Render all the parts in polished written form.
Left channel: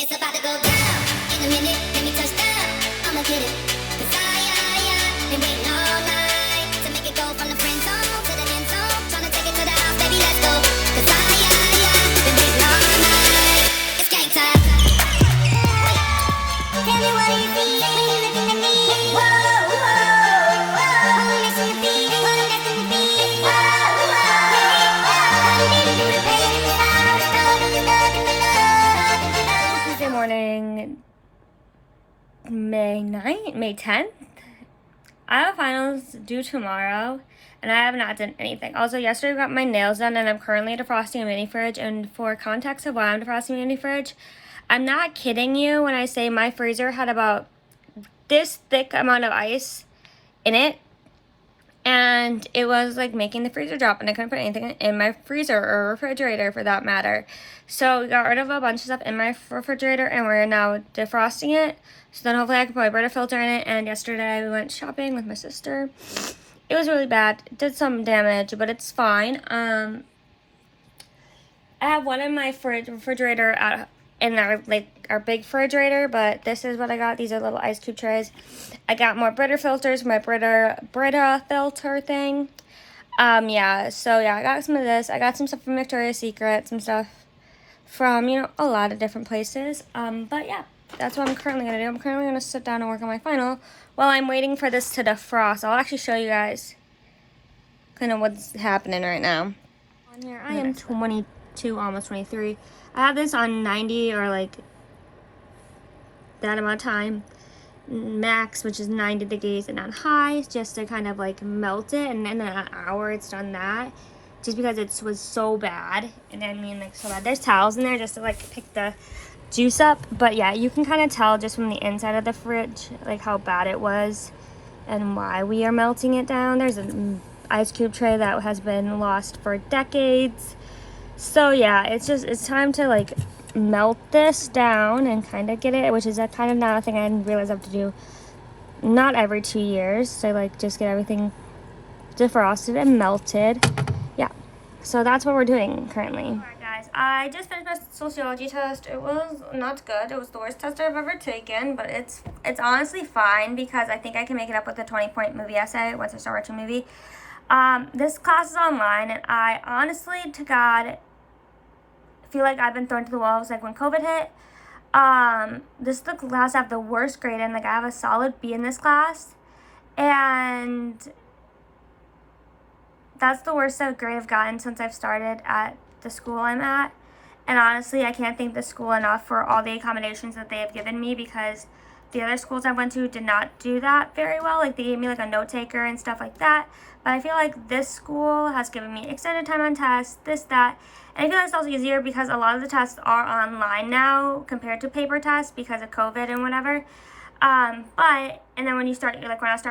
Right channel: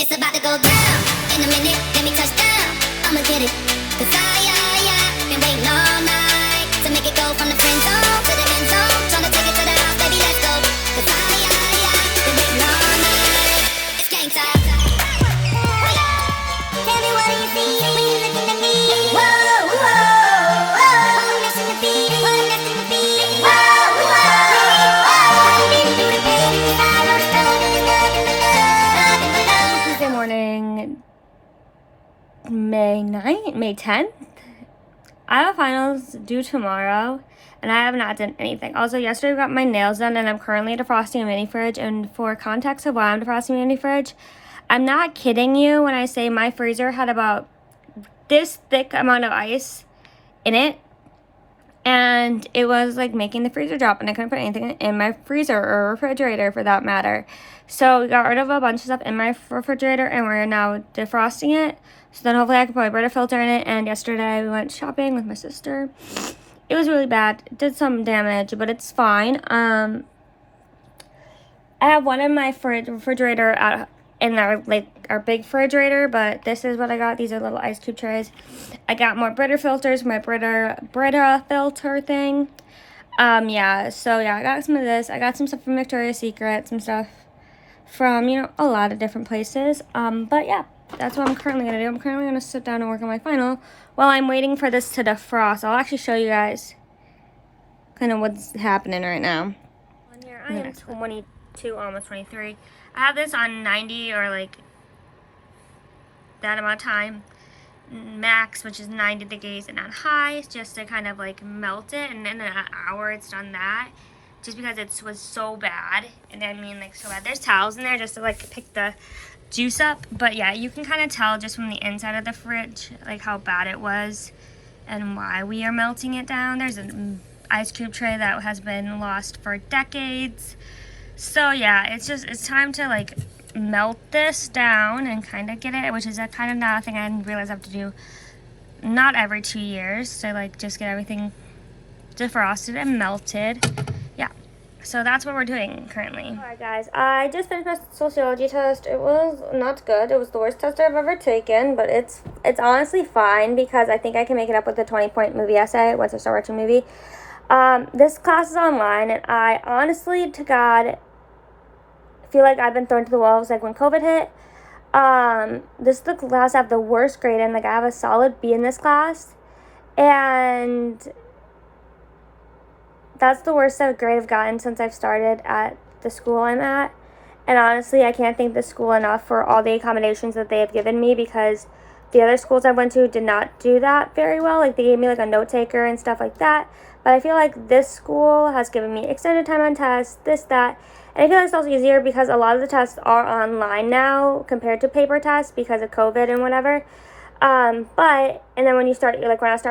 It's about to go down in a minute. Let me touch down. I'ma get it. Cause I been waiting all night to make it go from the friend zone to the end zone. Tryna take it to the house, baby, let's go. Cause I been waiting all night. It's game time. Tell me what do you see when you're looking at me? Whoa, whoa, whoa. I'm missing the beat, what I'm destined to be. Whoa, whoa, whoa. I didn't do it, baby. I wrote a story, nothing but love, nothing but love. Tuesday morning, May 10th. I have finals due tomorrow, and I have not done anything. Also, yesterday I got my nails done, and I'm currently defrosting a mini fridge. And for context of why I'm defrosting a mini fridge, I'm not kidding you when I say my freezer had about this thick amount of ice in it, and it was like making the freezer drop, and I couldn't put anything in my freezer or refrigerator for that matter. So we got rid of a bunch of stuff in my refrigerator, and we're now defrosting it. So then hopefully I can put a Brita filter in it. And yesterday we went shopping with my sister. It was really bad. It did some damage, but it's fine. I have one in my refrigerator in our big refrigerator, but this is what I got. These are little ice cube trays. I got more Brita filters, my Brita filter thing. I got some of this. I got some stuff from Victoria's Secret, some stuff from, a lot of different places. But yeah, that's what I'm currently going to do. I'm currently going to sit down and work on my final while I'm waiting for this to defrost. I'll actually show you guys kind of what's happening right now. On here, I am 22, almost 23. I have this on 90 or like that amount of time max, which is 90 degrees, and on high just to kind of like melt it, and then in an hour it's done that. Just because it was so bad, and I mean like so bad. There's towels in there just to like pick the juice up, but yeah, you can kind of tell just from the inside of the fridge like how bad it was and why we are melting it down. There's an ice cube tray that has been lost for decades. So yeah, it's time to like melt this down and kind of get it, which is a kind of not a thing I didn't realize I have to do not every 2 years. So like just get everything defrosted and melted. So that's what we're doing currently. Alright guys, I just finished my sociology test. It was not good. It was the worst test I've ever taken, but it's honestly fine because I think I can make it up with a 20-point movie essay once I start watching a movie. This class is online, and I honestly, to God, feel like I've been thrown to the wolves like when COVID hit. This is the class I have the worst grade in. Like I have a solid B in this class, and that's the worst grade I've gotten since I've started at the school I'm at. And honestly, I can't thank the school enough for all the accommodations that they have given me, because the other schools I went to did not do that very well. Like they gave me like a note taker and stuff like that. But I feel like this school has given me extended time on tests, this, that. And I feel like it's also easier because a lot of the tests are online now compared to paper tests because of COVID and whatever. And then when I start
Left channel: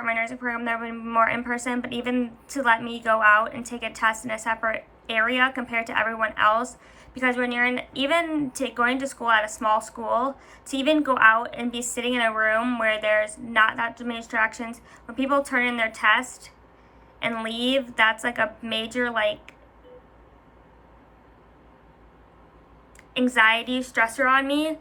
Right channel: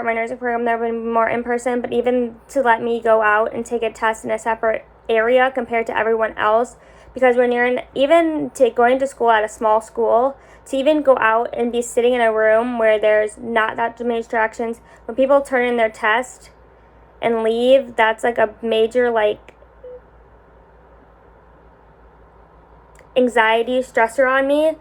my nursing program, there will be more in person, but even to let me go out and take a test in a separate area compared to everyone else, because when you're going to school at a small school, to even go out and be sitting in a room where there's not that many distractions, when people turn in their test and leave, that's like a major anxiety stressor on me.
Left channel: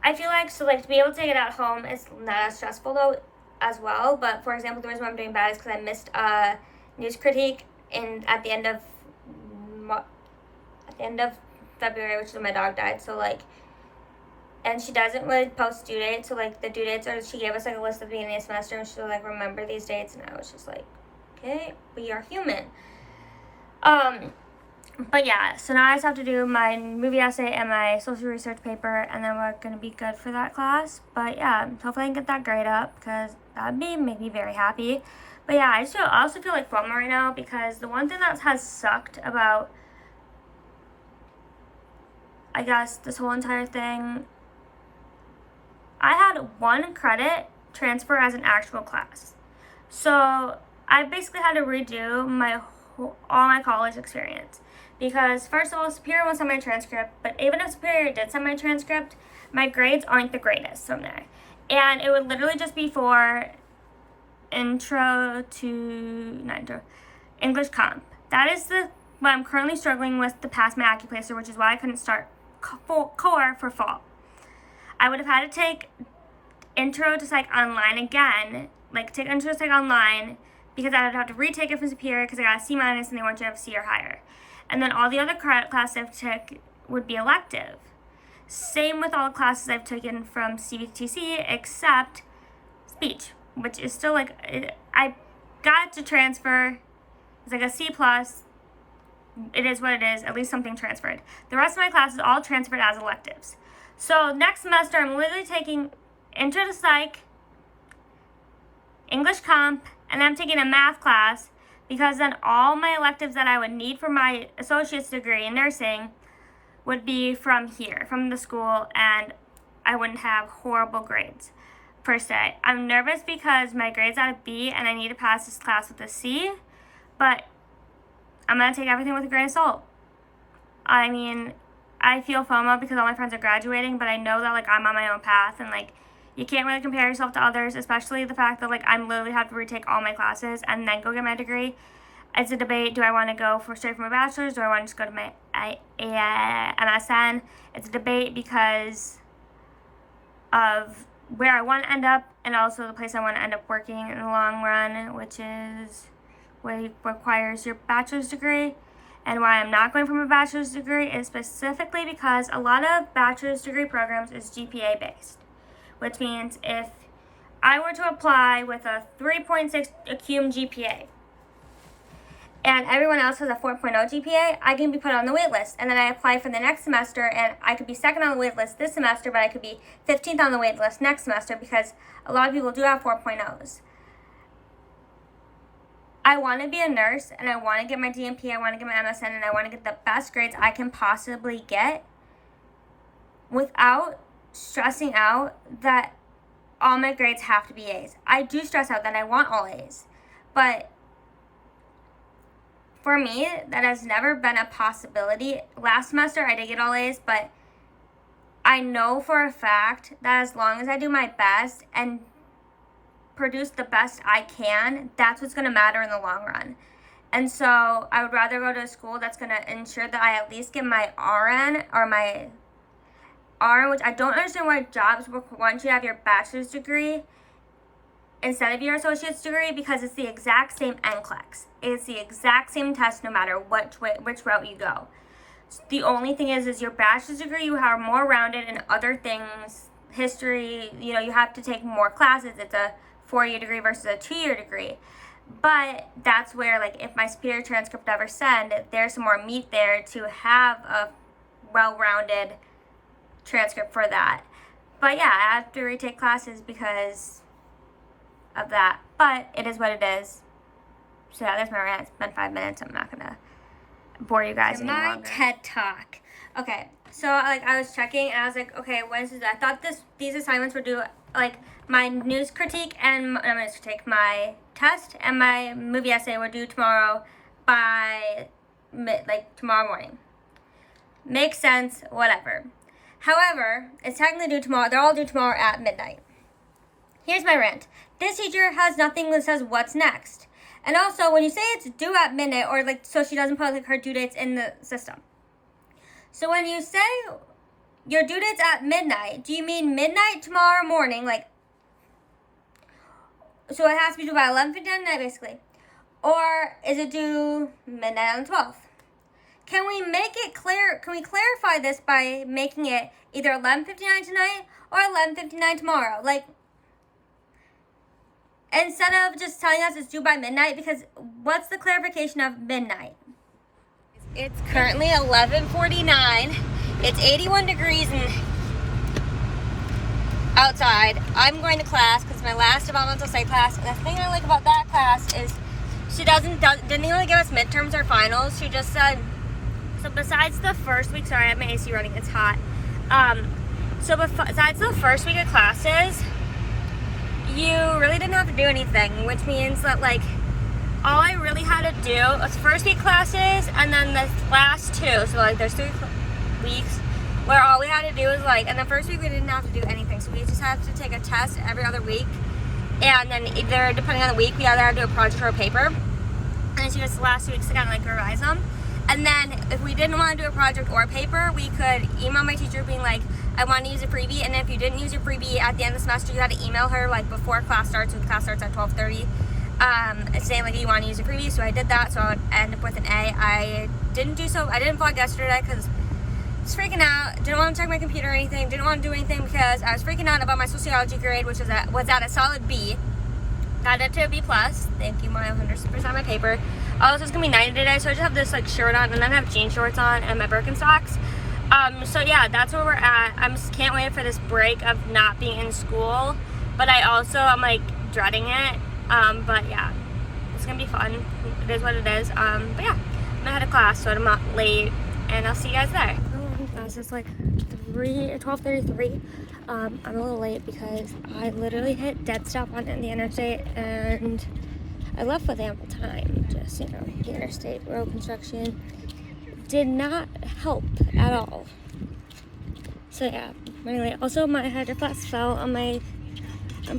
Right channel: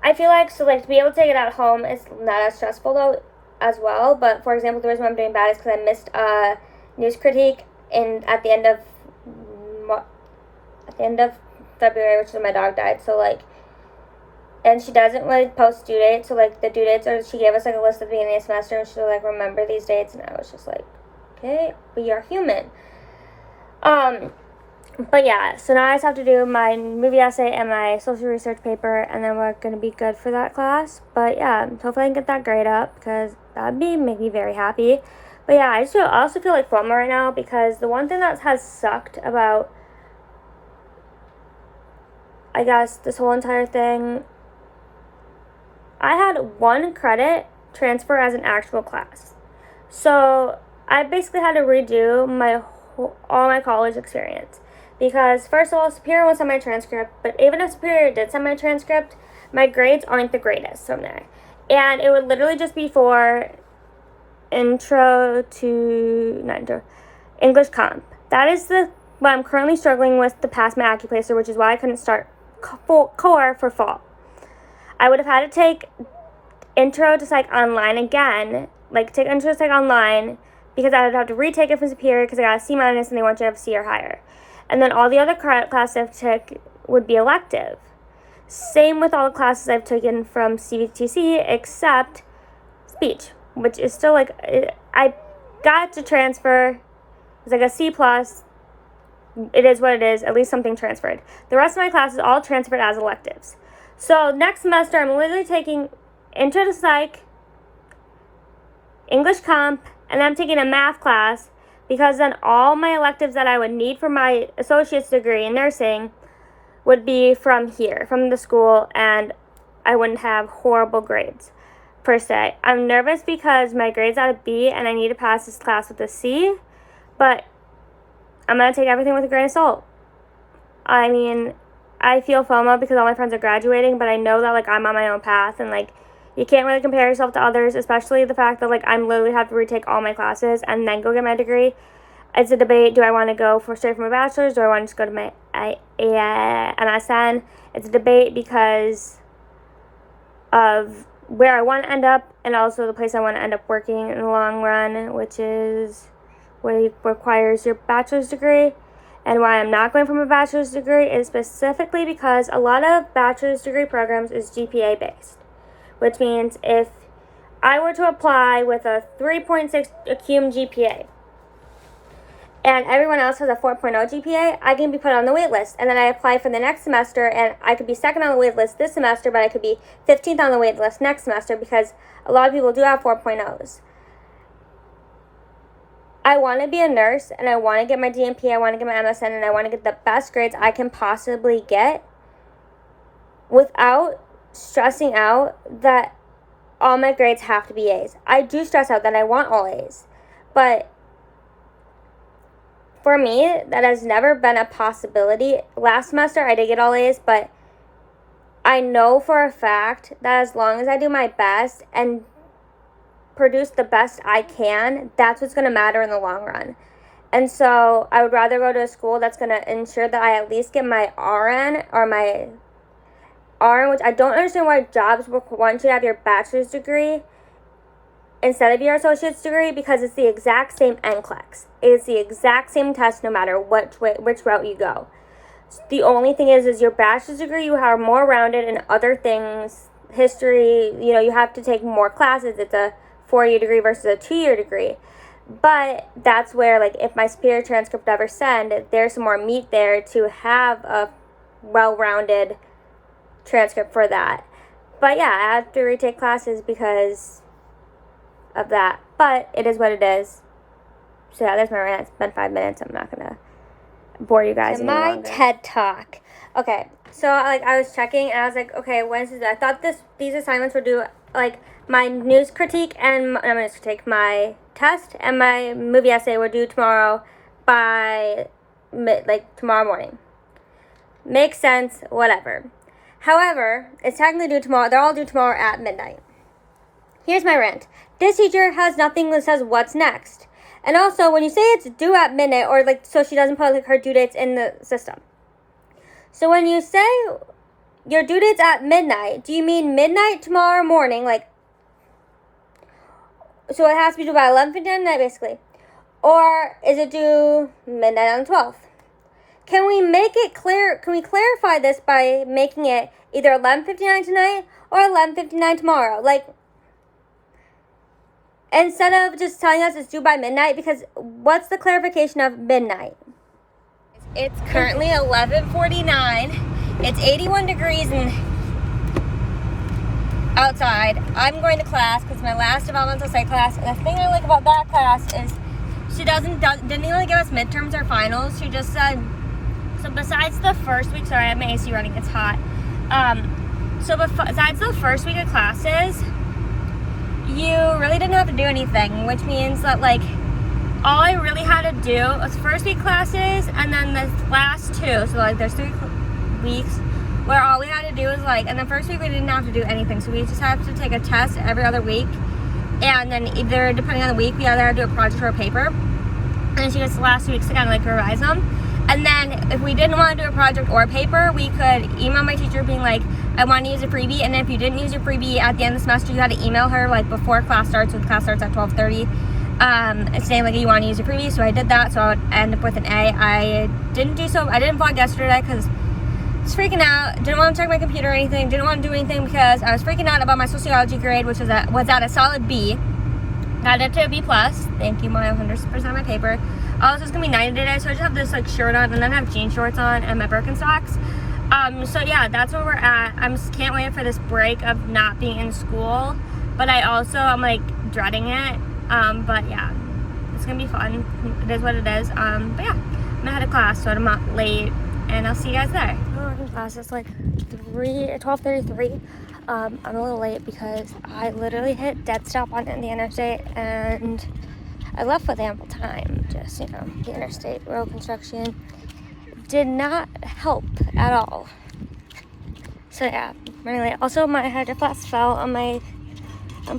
I feel like, to be able to take it at home is not as stressful though as well. But for example, the reason why I'm doing bad is because I missed a news critique at the end of February, which is when my dog died. So and she doesn't really post due dates. So the due dates she gave us a list at the beginning of the semester, and she'll remember these dates, and I was just okay, we are human. But yeah, so now I just have to do my movie essay and my social research paper, and then we're going to be good for that class. But yeah, hopefully I can get that grade up, because that would make me very happy. But yeah, I also feel like FOMO right now, because the one thing that has sucked about, I guess, this whole entire thing, I had 1 credit transfer as an actual class. So I basically had to redo all my college experience. Because, first of all, Superior won't send my transcript, but even if Superior did send my transcript, my grades aren't the greatest from there. And it would literally just be for English Comp. That is what I'm currently struggling with to pass my Acuplacer, which is why I couldn't start core for fall. I would have had to take Intro to Psych online again, like take Intro to Psych online, because I would have to retake it from Superior because I got a C- and they want you to have C or higher. And then all the other classes I've took would be elective. Same with all the classes I've taken from CVTC except speech, which is still like, I got to transfer. It's like a C+. It is what it is. At least something transferred. The rest of my classes all transferred as electives. So next semester, I'm literally taking Intro to Psych, English Comp, and I'm taking a math class, because then all my electives that I would need for my associate's degree in nursing would be from here, from the school, and I wouldn't have horrible grades, per se. I'm nervous because my grade's at a B, and I need to pass this class with a C, but I'm going to take everything with a grain of salt. I mean, I feel FOMO because all my friends are graduating, but I know that, like, I'm on my own path, and, like, you can't really compare yourself to others, especially the fact that, like, I'm literally have to retake all my classes and then go get my degree. It's a debate. Do I want to go straight from my bachelor's? Do I want to just go to my MSN? It's a debate because of where I want to end up and also the place I want to end up working in the long run, which is where it requires your bachelor's degree. And why I'm not going for my bachelor's degree is specifically because a lot of bachelor's degree programs is GPA based, which means if I were to apply with a 3.6 cum GPA and everyone else has a 4.0 GPA, I can be put on the wait list. And then I apply for the next semester, and I could be second on the wait list this semester, but I could be 15th on the wait list next semester because a lot of people do have 4.0s. I want to be a nurse, and I want to get my DNP, I want to get my MSN, and I want to get the best grades I can possibly get without stressing out that all my grades have to be A's. I do stress out that I want all A's, but for me, that has never been a possibility. Last semester, I did get all A's, but I know for a fact that as long as I do my best and produce the best I can, that's what's going to matter in the long run. And so I would rather go to a school that's going to ensure that I at least get my RN or my RN, which I don't understand why jobs want you to have your bachelor's degree instead of your associate's degree, because it's the exact same NCLEX. It's the exact same test no matter which route you go. The only thing is your bachelor's degree, you are more rounded in other things, history, you have to take more classes. It's a 4-year degree versus a 2-year degree. But that's where, like, if my Superior transcript ever send, there's some more meat there to have a well-rounded transcript for that. But yeah, I have to retake classes because of that. But it is what it is. So yeah, there's my rant. It's been 5 minutes. I'm not going to bore you guys any longer. My TED Talk. Okay, so I was checking and I was like, okay, when is this? I thought these assignments were due, like, my news critique and my test and my movie essay were due tomorrow by tomorrow morning. Makes sense, whatever. However, it's technically due tomorrow. They're all due tomorrow at midnight. Here's my rant. This teacher has nothing that says what's next. And also, when you say it's due at midnight, or so she doesn't put her due dates in the system. So when you say your due date's at midnight, do you mean midnight tomorrow morning? So it has to be due by 11:59 night, basically. Or is it due midnight on the 12th? Can we make it clear? Can we clarify this by making it either 11:59 tonight or 11:59 tomorrow? Instead of just telling us it's due by midnight, because what's the clarification of midnight? It's currently 11:49. It's 81 degrees outside. I'm going to class because it's my last developmental psych class. And the thing I like about that class is she didn't really give us midterms or finals. She just said, so besides the first week, sorry, I have my AC running, it's hot. So besides the first week of classes, you really didn't have to do anything, which means that, all I really had to do was first week classes and then the last two. So, there's 3 weeks where all we had to do was, and the first week we didn't have to do anything. So we just have to take a test every other week. And then either, depending on the week, we either had to do a project or a paper. And then she gets the last 2 weeks to kind of, revise them. And then if we didn't want to do a project or a paper, we could email my teacher being like, I want to use a freebie. And if you didn't use your freebie at the end of the semester, you had to email her like before class starts, so class starts at 12:30, saying like you want to use a freebie. So I did that, so I would end up with an A. I didn't vlog yesterday because I was freaking out. Didn't want to check my computer or anything. Didn't want to do anything because I was freaking out about my sociology grade, which was at a solid B. Got it to a B+. Thank you, my 100% of my paper. Also, it's gonna be 90 today, so I just have this like shirt on and then I have jean shorts on and my Birkenstocks. So yeah, that's where we're at. I just can't wait for this break of not being in school, but I'm like dreading it. But yeah, it's gonna be fun. It is what it is. But yeah, I'm gonna head to class, so I'm not late, and I'll see you guys there. I'm in class. It's like 12:33. I'm a little late because I literally hit dead stop on the interstate and I left with ample time. Just, the interstate road construction did not help at all. So yeah, running late. Also, my hydro flask fell on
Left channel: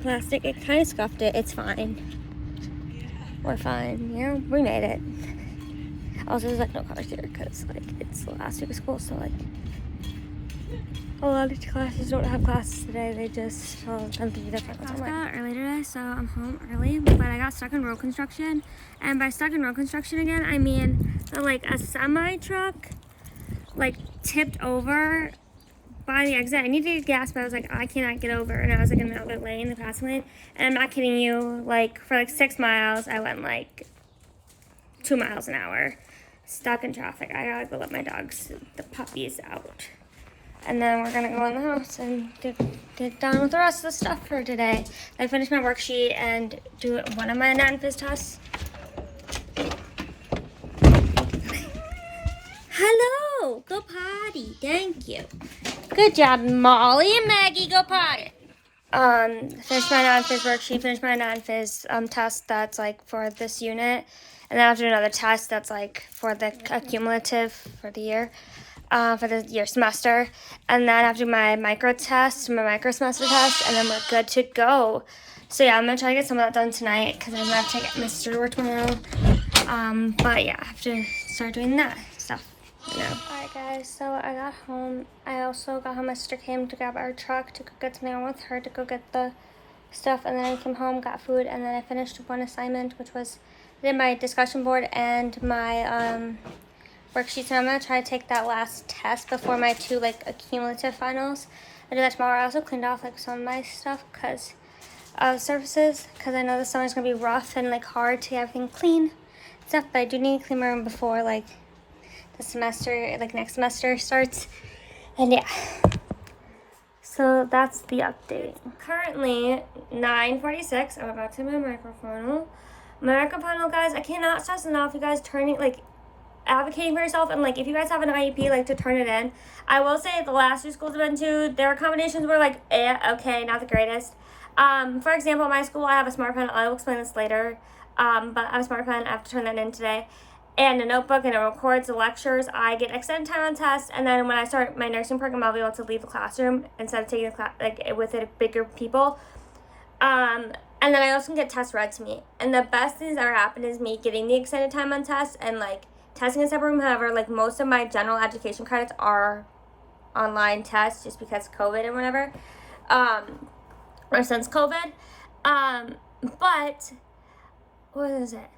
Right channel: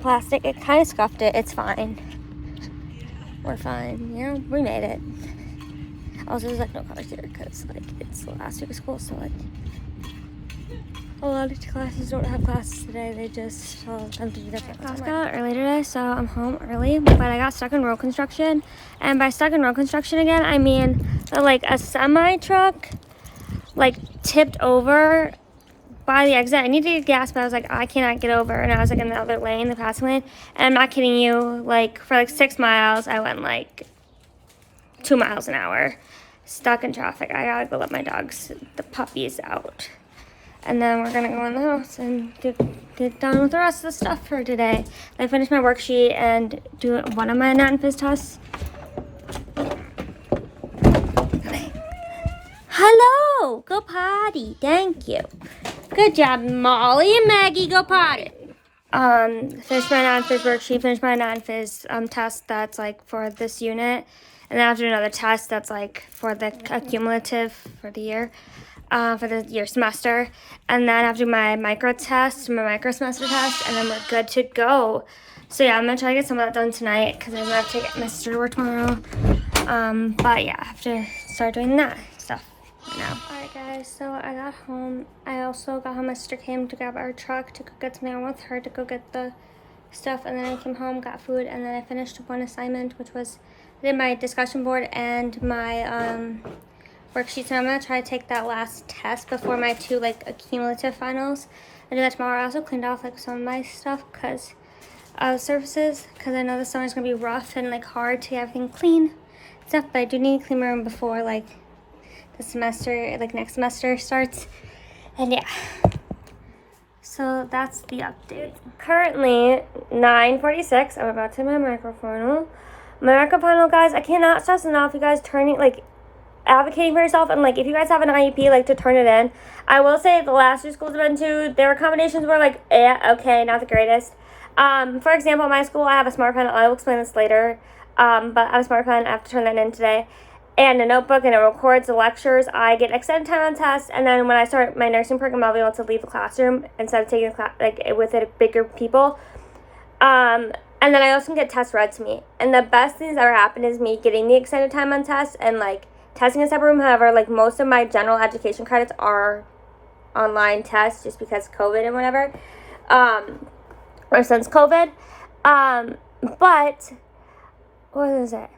plastic. It kind of scuffed it. It's fine. We're fine. We made it. Also, there's like no cars here because like it's the last week of school, so like a lot of classes don't have classes today. They just tell them to do different. Class got out early today, so I'm home early. But I got stuck in road construction, and by stuck in road construction again, I mean that, like a semi truck like tipped over by the exit. I needed to get gas, but I was like, I cannot get over, and I was like in the other lane, the passing lane. And I'm not kidding you. Like for like 6 miles, I went like 2 miles an hour, stuck in traffic. I gotta go let my dogs, the puppies, out. And then we're gonna go in the house and get done with the rest of the stuff for today. I finished my worksheet and do one of my non-phys tests. Hello! Go potty. Thank you. Good job, Molly and Maggie. Go potty. Finished my non-phys worksheet, finished my non-phys test that's like for this unit. And then I have to do another test that's like for the cumulative for the year. For the year semester, and then I have to do my micro semester test, and then we're good to go. So yeah, I'm gonna try to get some of that done tonight because I'm gonna have to get my sister to work tomorrow. But yeah, I have to start doing that stuff now. Alright guys, so I got home. I also got home. My sister came to grab our truck to go get something on with her to go get the stuff, and then I came home, got food, and then I finished one assignment, which was I did my discussion board and my worksheets, and I'm going to try to take that last test before my 2 like accumulative finals. I do that tomorrow. I also cleaned off like some of my stuff because surfaces, because I know this summer's going to be rough and like hard to get everything clean and stuff, but I do need to clean my room before like the semester, like next semester starts. And yeah, so that's the update. Currently 9:46. I'm about to my microphone. My microphone, guys, I cannot stress enough you guys advocating for yourself, and like if you guys have an IEP, like to turn it in. I will say the last 2 schools I've been to, their accommodations were like okay, not the greatest. For example, at my school I have a smart pen. I will explain this later, but I have a smart pen. I have to turn that in today, and a notebook, and it records the lectures. I get extended time on tests, and then when I start my nursing program, I'll be able to leave the classroom instead of taking the class like with it bigger people. And then I also can get tests read to me, and the best thing that's ever happened is me getting the extended time on tests and like testing in a separate room. However, like most of my general education credits are online tests just because COVID and whatever, or since COVID. But what is it?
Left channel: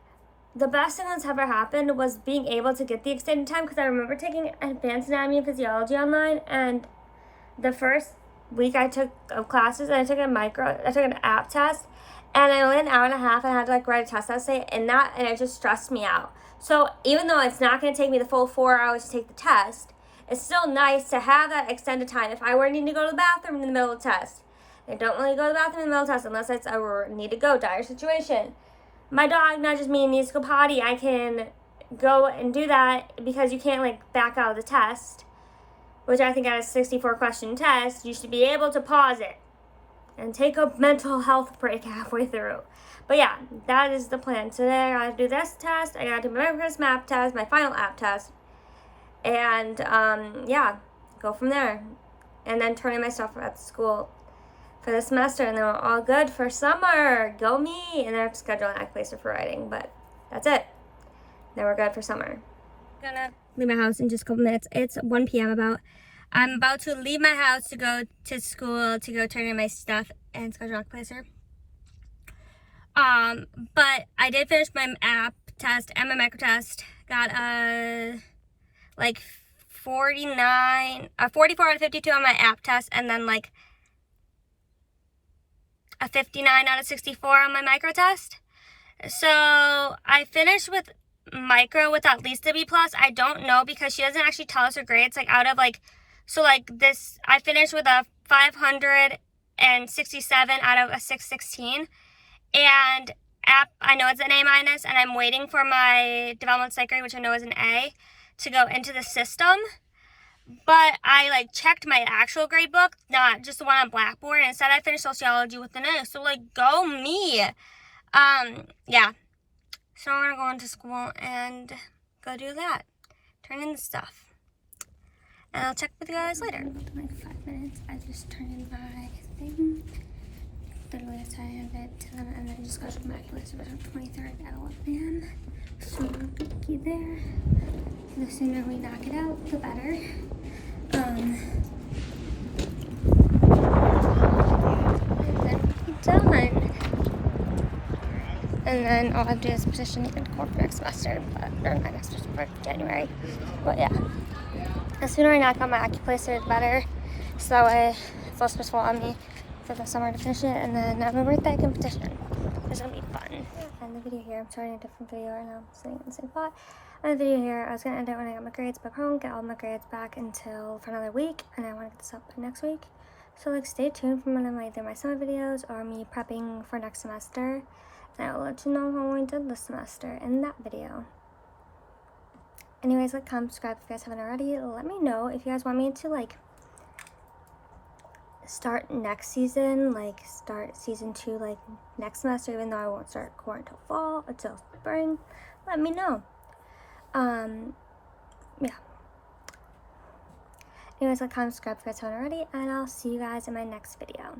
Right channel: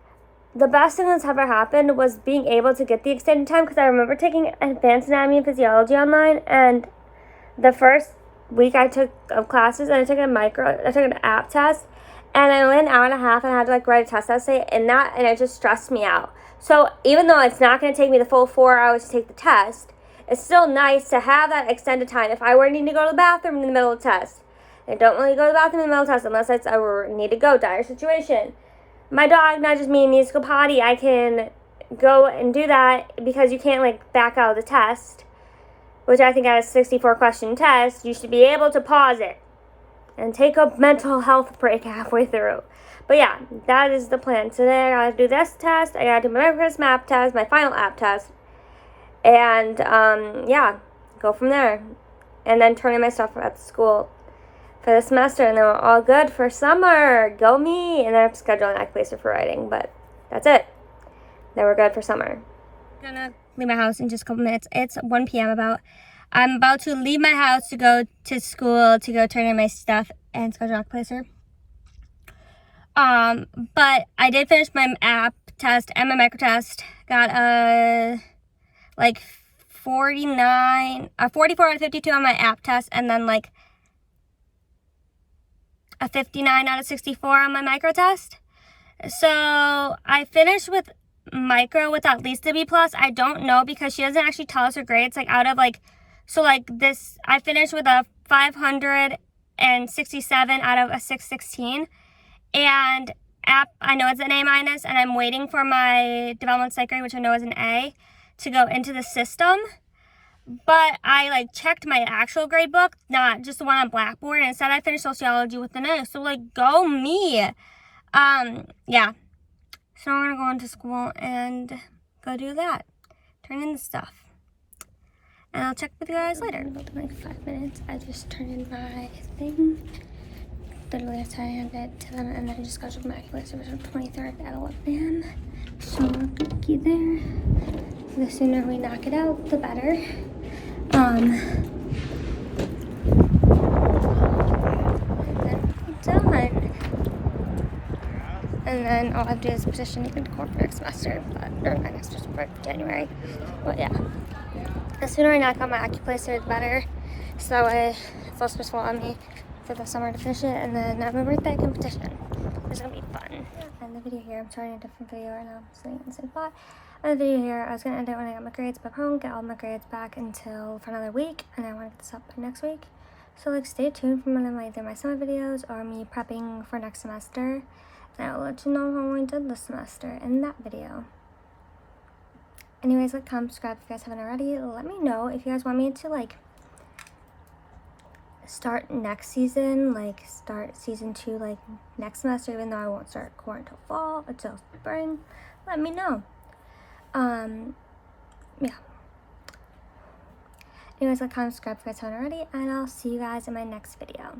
The best thing that's ever happened was being able to get the extended time, because I remember taking advanced anatomy and physiology online, and the first week I took of classes, and I took an app test, and I only had an hour and a half, and I had to like write a test essay in that, and it just stressed me out. So even though it's not going to take me the full 4 hours to take the test, it's still nice to have that extended time. If I were needing to go to the bathroom in the middle of the test, I don't really go to the bathroom in the middle of the test unless it's a need to go, dire situation. My dog nudges me and needs to go potty. I can go and do that because you can't like back out of the test, which I think at a 64 question test, you should be able to pause it and take a mental health break halfway through. But yeah, that is the plan. Today I gotta do this test, I gotta do my first map test, my final app test, and yeah, go from there. And then turn in my stuff at the school for the semester, and then we're all good for summer. Go me! And then I have to schedule an act placer for writing, but that's it. Then we're good for summer. Gonna leave my house in just a couple minutes. It's 1 p.m. I'm about to leave my house to go to school to go turn in my stuff and schedule a placer. But I did finish my app test and my micro test. Got a 44 out of 52 on my app test, and then like a 59 out of 64 on my micro test. So I finished with micro with at least a B+. I don't know because she doesn't actually tell us her grades. Like out of this, I finished with a 567 out of a 616. And app, I know it's an A-, and I'm waiting for my development psych grade, which I know is an A, to go into the system. But I checked my actual grade book, not just the one on Blackboard, and instead I finished sociology with an A. So go me. Yeah. So I'm gonna go into school and go do that. Turn in the stuff. And I'll check with you guys later. In 5 minutes, I just turned in my thing. Literally, I had it to them, and then I just got to my place. It was the 23rd at 11 a.m. So I'll be there. The sooner we knock it out, the better. Done. And then all I have to do is petition the court for next semester, or my next semester for January. But yeah, the sooner I knock out my Occuplacer, the better. So that way it's less stressful on me for the summer to finish it, and then at my birthday I can petition. It's gonna be fun. And the video here, I'm starting a different video right now. I'm sitting in the same spot. And the video here, I was gonna end it when I got my grades back home, get all my grades back until for another week, and I want to get this up next week. So stay tuned for one of either my summer videos or me prepping for next semester. And I will let you know how I did this semester in that video. Anyways, comment, subscribe if you guys haven't already. Let me know if you guys want me to start next season, start season 2 next semester, even though I won't start core until fall, until spring. Let me know. Yeah. Anyways, comment, subscribe if you guys haven't already, and I'll see you guys in my next video.